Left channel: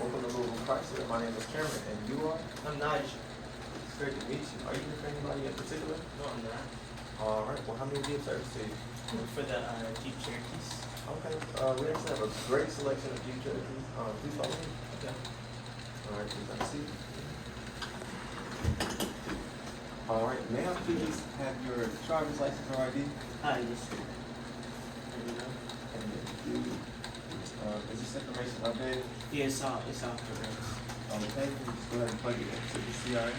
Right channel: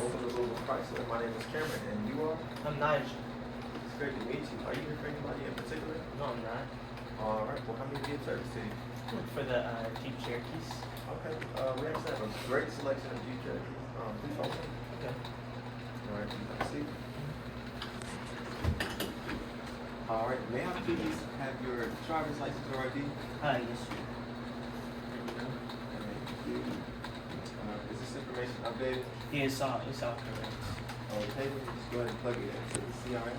Welcome to Louisville Chrysler. My name is Cameron, and you are? I'm Nigel. It's great to meet you. Are you here for anybody in particular? No, I'm not. All right. Well, how many do you service to you? Look for the Jeep Cherokees. Okay. We actually have a great selection of Jeep Cherokees. Please follow me. Okay. All right. Please have a seat. All right. May I please have your driver's license or ID? Yes, sir. There we go. Is this information updated? Yeah, it's all correct. Okay. Just go ahead and plug it into the CRM.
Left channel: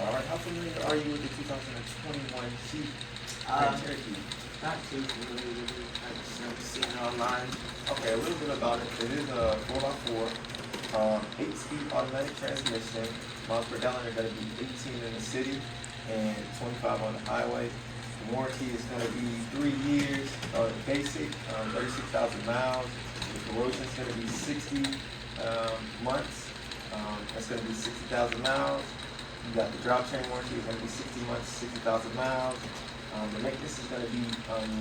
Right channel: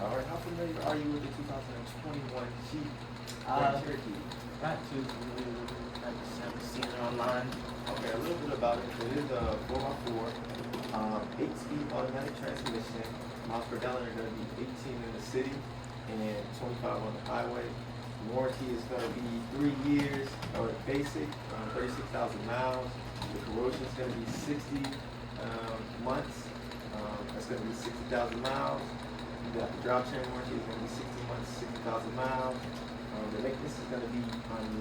All right. How familiar are you with the 2021 Jeep Grand Cherokee? Not too familiar with it. I just haven't seen it online. Okay, a little bit about it. It is a 4x4, 8-speed automatic transmission. Miles per gallon are going to be 18 in the city and 25 on the highway. The warranty is going to be 3 years, basic, 36,000 miles. The corrosion is going to be 60 months. That's going to be 60,000 miles. You got the drivetrain warranty is going to be 60 months, 60,000 miles. The maintenance is going to be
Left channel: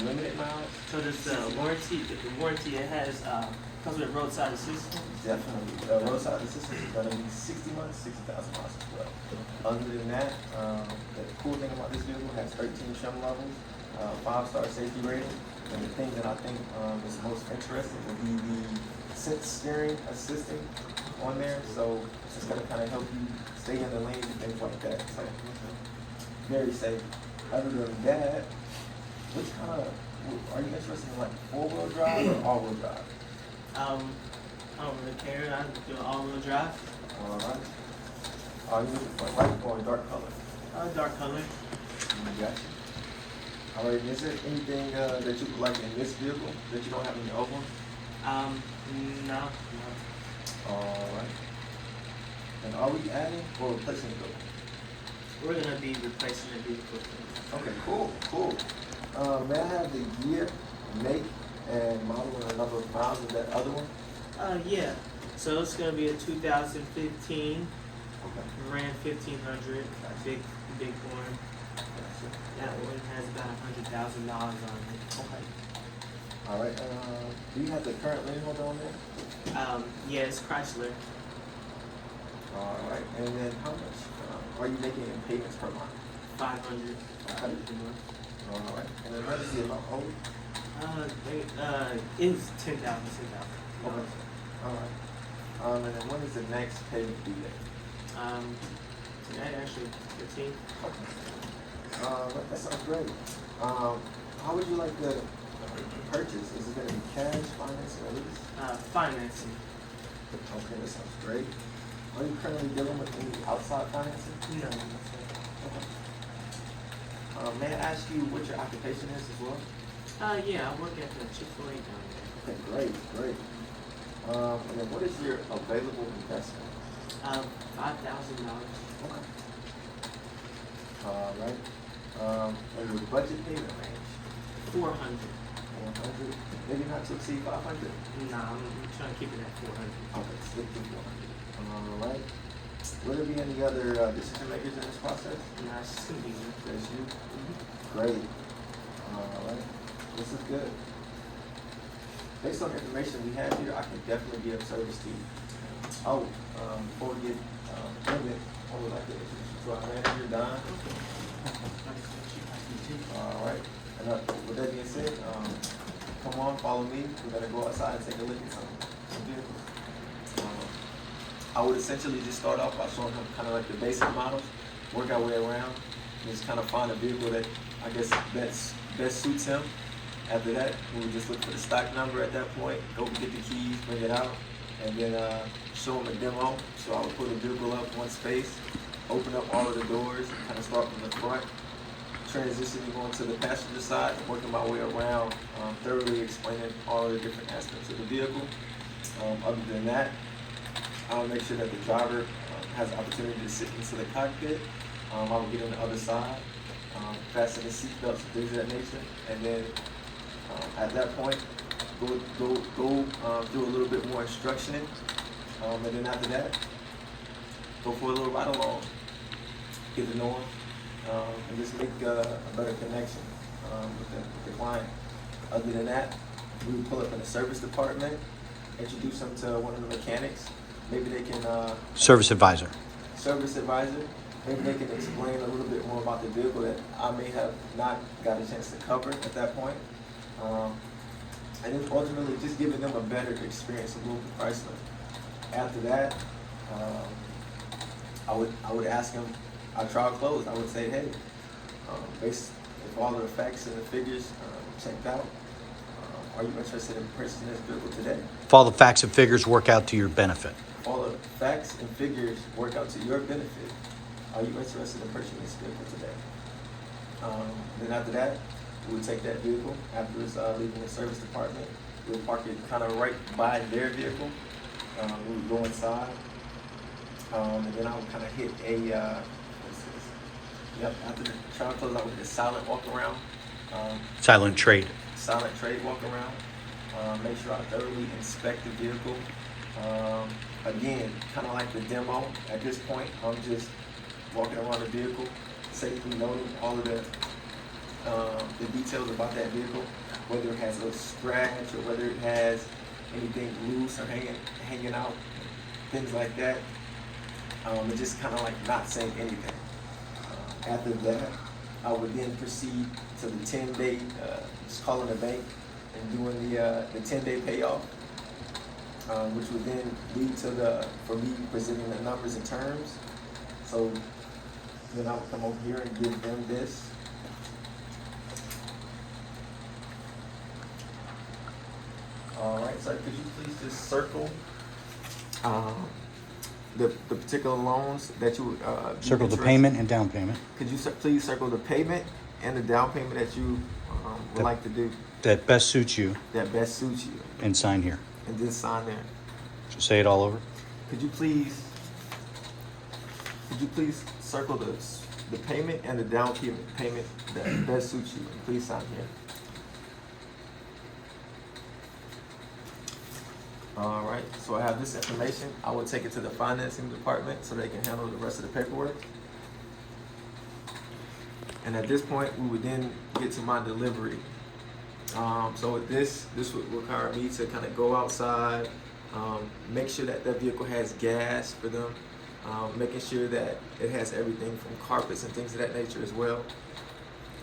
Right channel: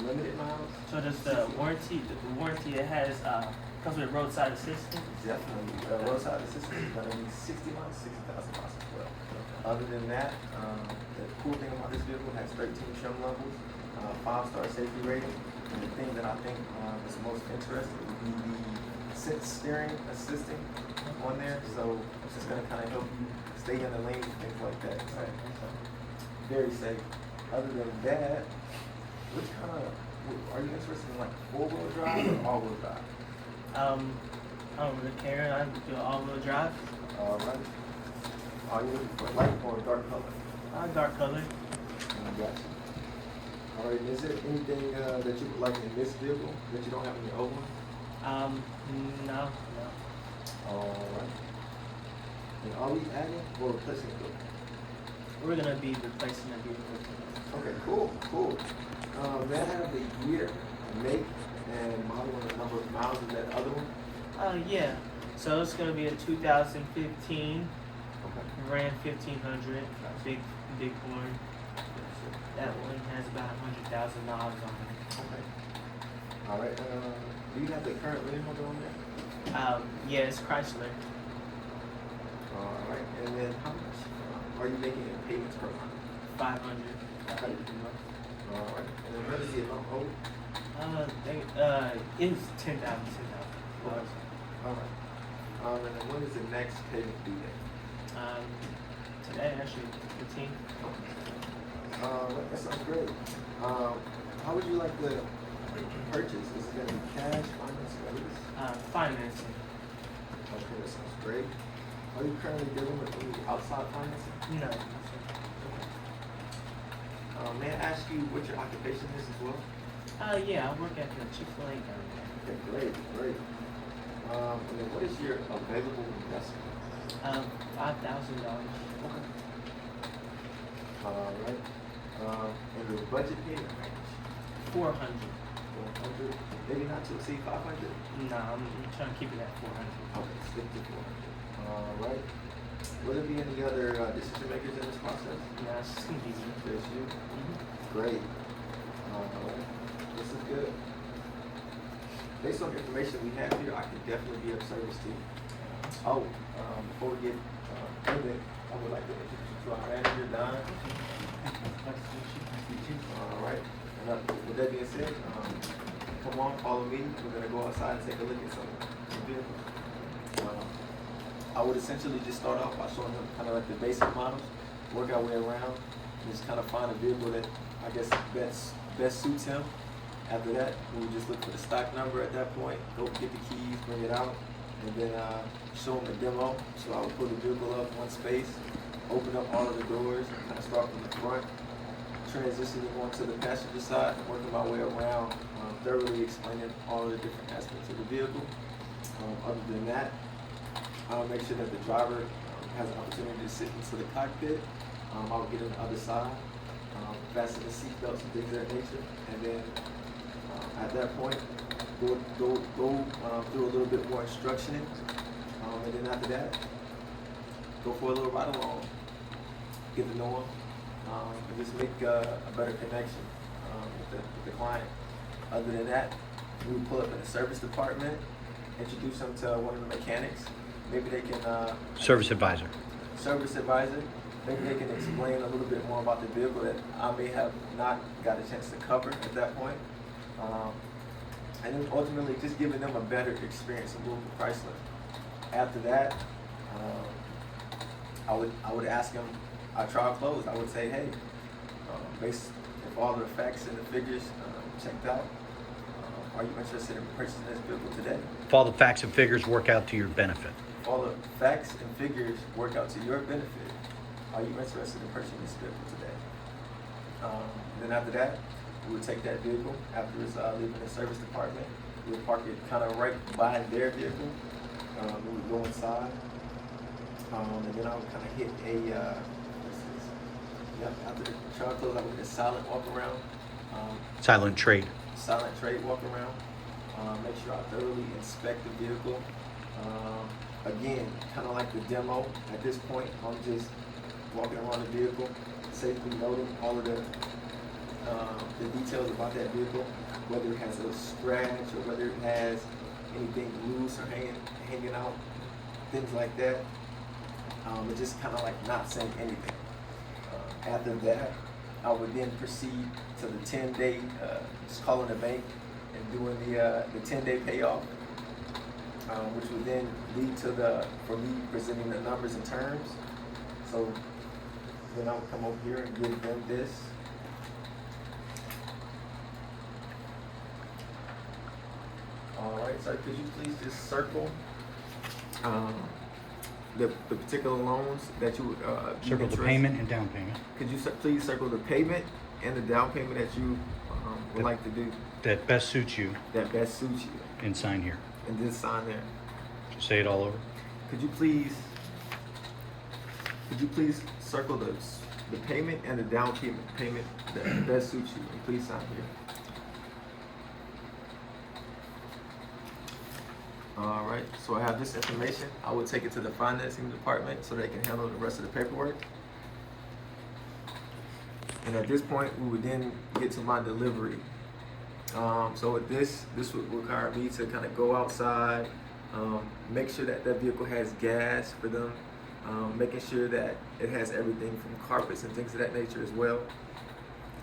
limited miles. So does the warranty it has comes with roadside assistance? Definitely. Roadside assistance is going to be 60 months, 60,000 miles as well. Other than that, the cool thing about this vehicle has 13 trim levels, 5-star safety rating, and the thing that I think is most interesting would be the sense steering assistant on there. So it's just going to kind of help you stay in the lane and things like that. So, very safe. Other than that, which kind of are you interested in, like 4-wheel drive or all-wheel drive? I don't really care. I do all-wheel drive. All right. Are you looking for light or dark color? Dark color. Gotcha. All right. Is there anything that you would like in this vehicle that you don't have in your old one? No. All right. And are we adding or replacing the vehicle? We're gonna be replacing the vehicle. Okay. Cool. May I have the year, make, and model and the number of miles of that other one? Yeah. So it's gonna be a 2015 Okay. Ram 1500, big horn. Gotcha. That one has about 100,000 miles on it. Okay. All right. Do you have the current lien holder on there? Yeah, it's Chrysler. All right. And then how much are you making in payments per month? 500. All right. And then what is the amount owed? It's 10,000. Okay. All right. And then when is the next payment due date? So that actually 15. That sounds great. How would you like to purchase? Is it going to be cash, financing, or lease? Financing. Okay, that sounds great. Are you currently dealing with any outside financing? No. Okay. May I ask you what your occupation is as well? Yeah, I work at the Chick-fil-A down there. Okay, great. And then what is your available investment? $5,000. Okay. All right. And your budget payment range? 400. 400. Maybe not to exceed 500. Nah, I'm trying to keep it at 400. Okay, stick to 400. All right. Will there be any other decision makers in this process? Nah, it's just gonna be me. Just you. Great. All right. This is good. Based on the information we have here, I can definitely be of service to you. Before we get ended, I would like to introduce you to our manager, Don. Nice to meet you. All right. And with that being said, come on, follow me. We're gonna go outside and take a look at some vehicles. I would essentially just start off by showing him kind of like the basic models, work our way around, and just kind of find a vehicle that I guess best suits him. After that, we would just look for the stock number at that point, go get the keys, bring it out, and then show him a demo. So I would pull the vehicle up one space, open up all of the doors, and kind of start from the front, transitioning onto the passenger side, and working my way around, thoroughly explaining all of the different aspects of the vehicle. Other than that, I would make sure that the driver has the opportunity to sit into the cockpit. I would get on the other side, fasten the seatbelts and things of that nature, and then at that point, go do a little bit more instructioning, and then after that, go for a little ride along, get to know them, and just make a better connection with the client. Other than that, we would pull up in the service department, introduce them to one of the mechanics. Maybe they can, Service advisor. service advisor. Maybe they can explain a little bit more about the vehicle that I may have not got a chance to cover at that point. And then ultimately just giving them a better experience of Louisville Chrysler. After that, I would ask them, our trial closed, I would say, hey, based if all the facts and the figures checked out, are you interested in purchasing this vehicle today? If all the facts and figures work out to your benefit. If all the facts and figures work out to your benefit, are you interested in purchasing this vehicle today? Then after that, we would take that vehicle after it's leaving the service department. We would park it kind of right by their vehicle. We would go inside, and then I would kind of hit a what's this? Yep. After the trial close, I would hit a silent walk around. Silent trade. Silent trade walk around. Make sure I thoroughly inspect the vehicle. Again, kind of like the demo. At this point, I'm just walking around the vehicle, safely noting all of the details about that vehicle, whether it has a scratch or whether it has anything loose or hanging out, things like that. And just kind of like not saying anything. After that, I would then proceed to the 10-day, just calling the bank and doing the 10-day payoff, which would then lead to for me presenting the numbers and terms. So then I would come over here and give them this. All right, sir, could you please just circle the particular loans that you Circle the payment and down payment. Could you please circle the payment and the down payment that you would like to do That best suits you that best suits you, and sign here. and then sign there. So say it all over. Could you please circle the payment and the down payment that best suits you, and please sign here. All right, so I have this information. I will take it to the financing department so they can handle the rest of the paperwork. And at this point, we would then get to my delivery. So with this would require me to kind of go outside, make sure that vehicle has gas for them, making sure that it has everything from carpets and things of that nature as well.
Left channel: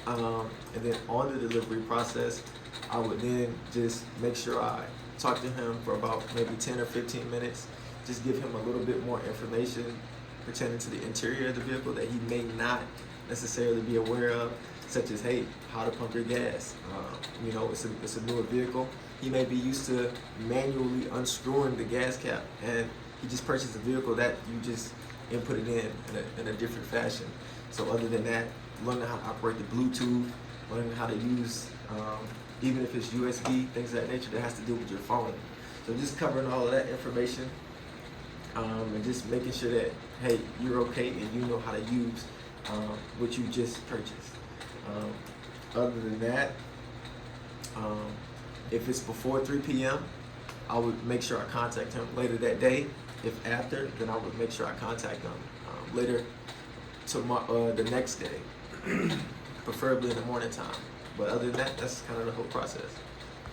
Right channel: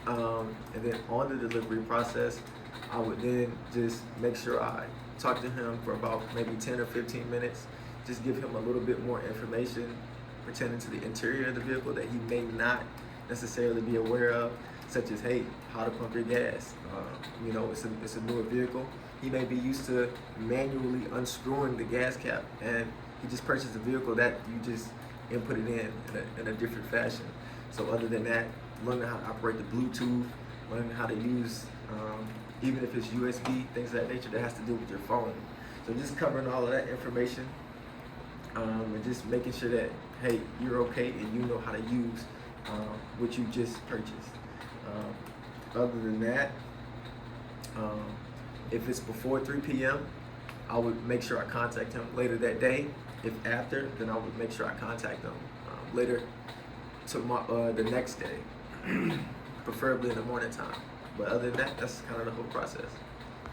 And then on the delivery process, I would then just make sure I talk to him for about maybe 10 or 15 minutes, just give him a little bit more information pertaining to the interior of the vehicle that he may not necessarily be aware of, such as, hey, how to pump your gas. You know, it's a newer vehicle. He may be used to manually unscrewing the gas cap, and he just purchased a vehicle that you just input it in a different fashion. So other than that, learning how to operate the Bluetooth, learning how to use, even if it's USB, things of that nature that has to do with your phone. So just covering all of that information, and just making sure that, hey, you're okay and you know how to use what you just purchased. Other than that, if it's before 3 p.m., I would make sure I contact him later that day. If after, then I would make sure I contact him later the next day, preferably in the morning time. But other than that, that's kind of the whole process.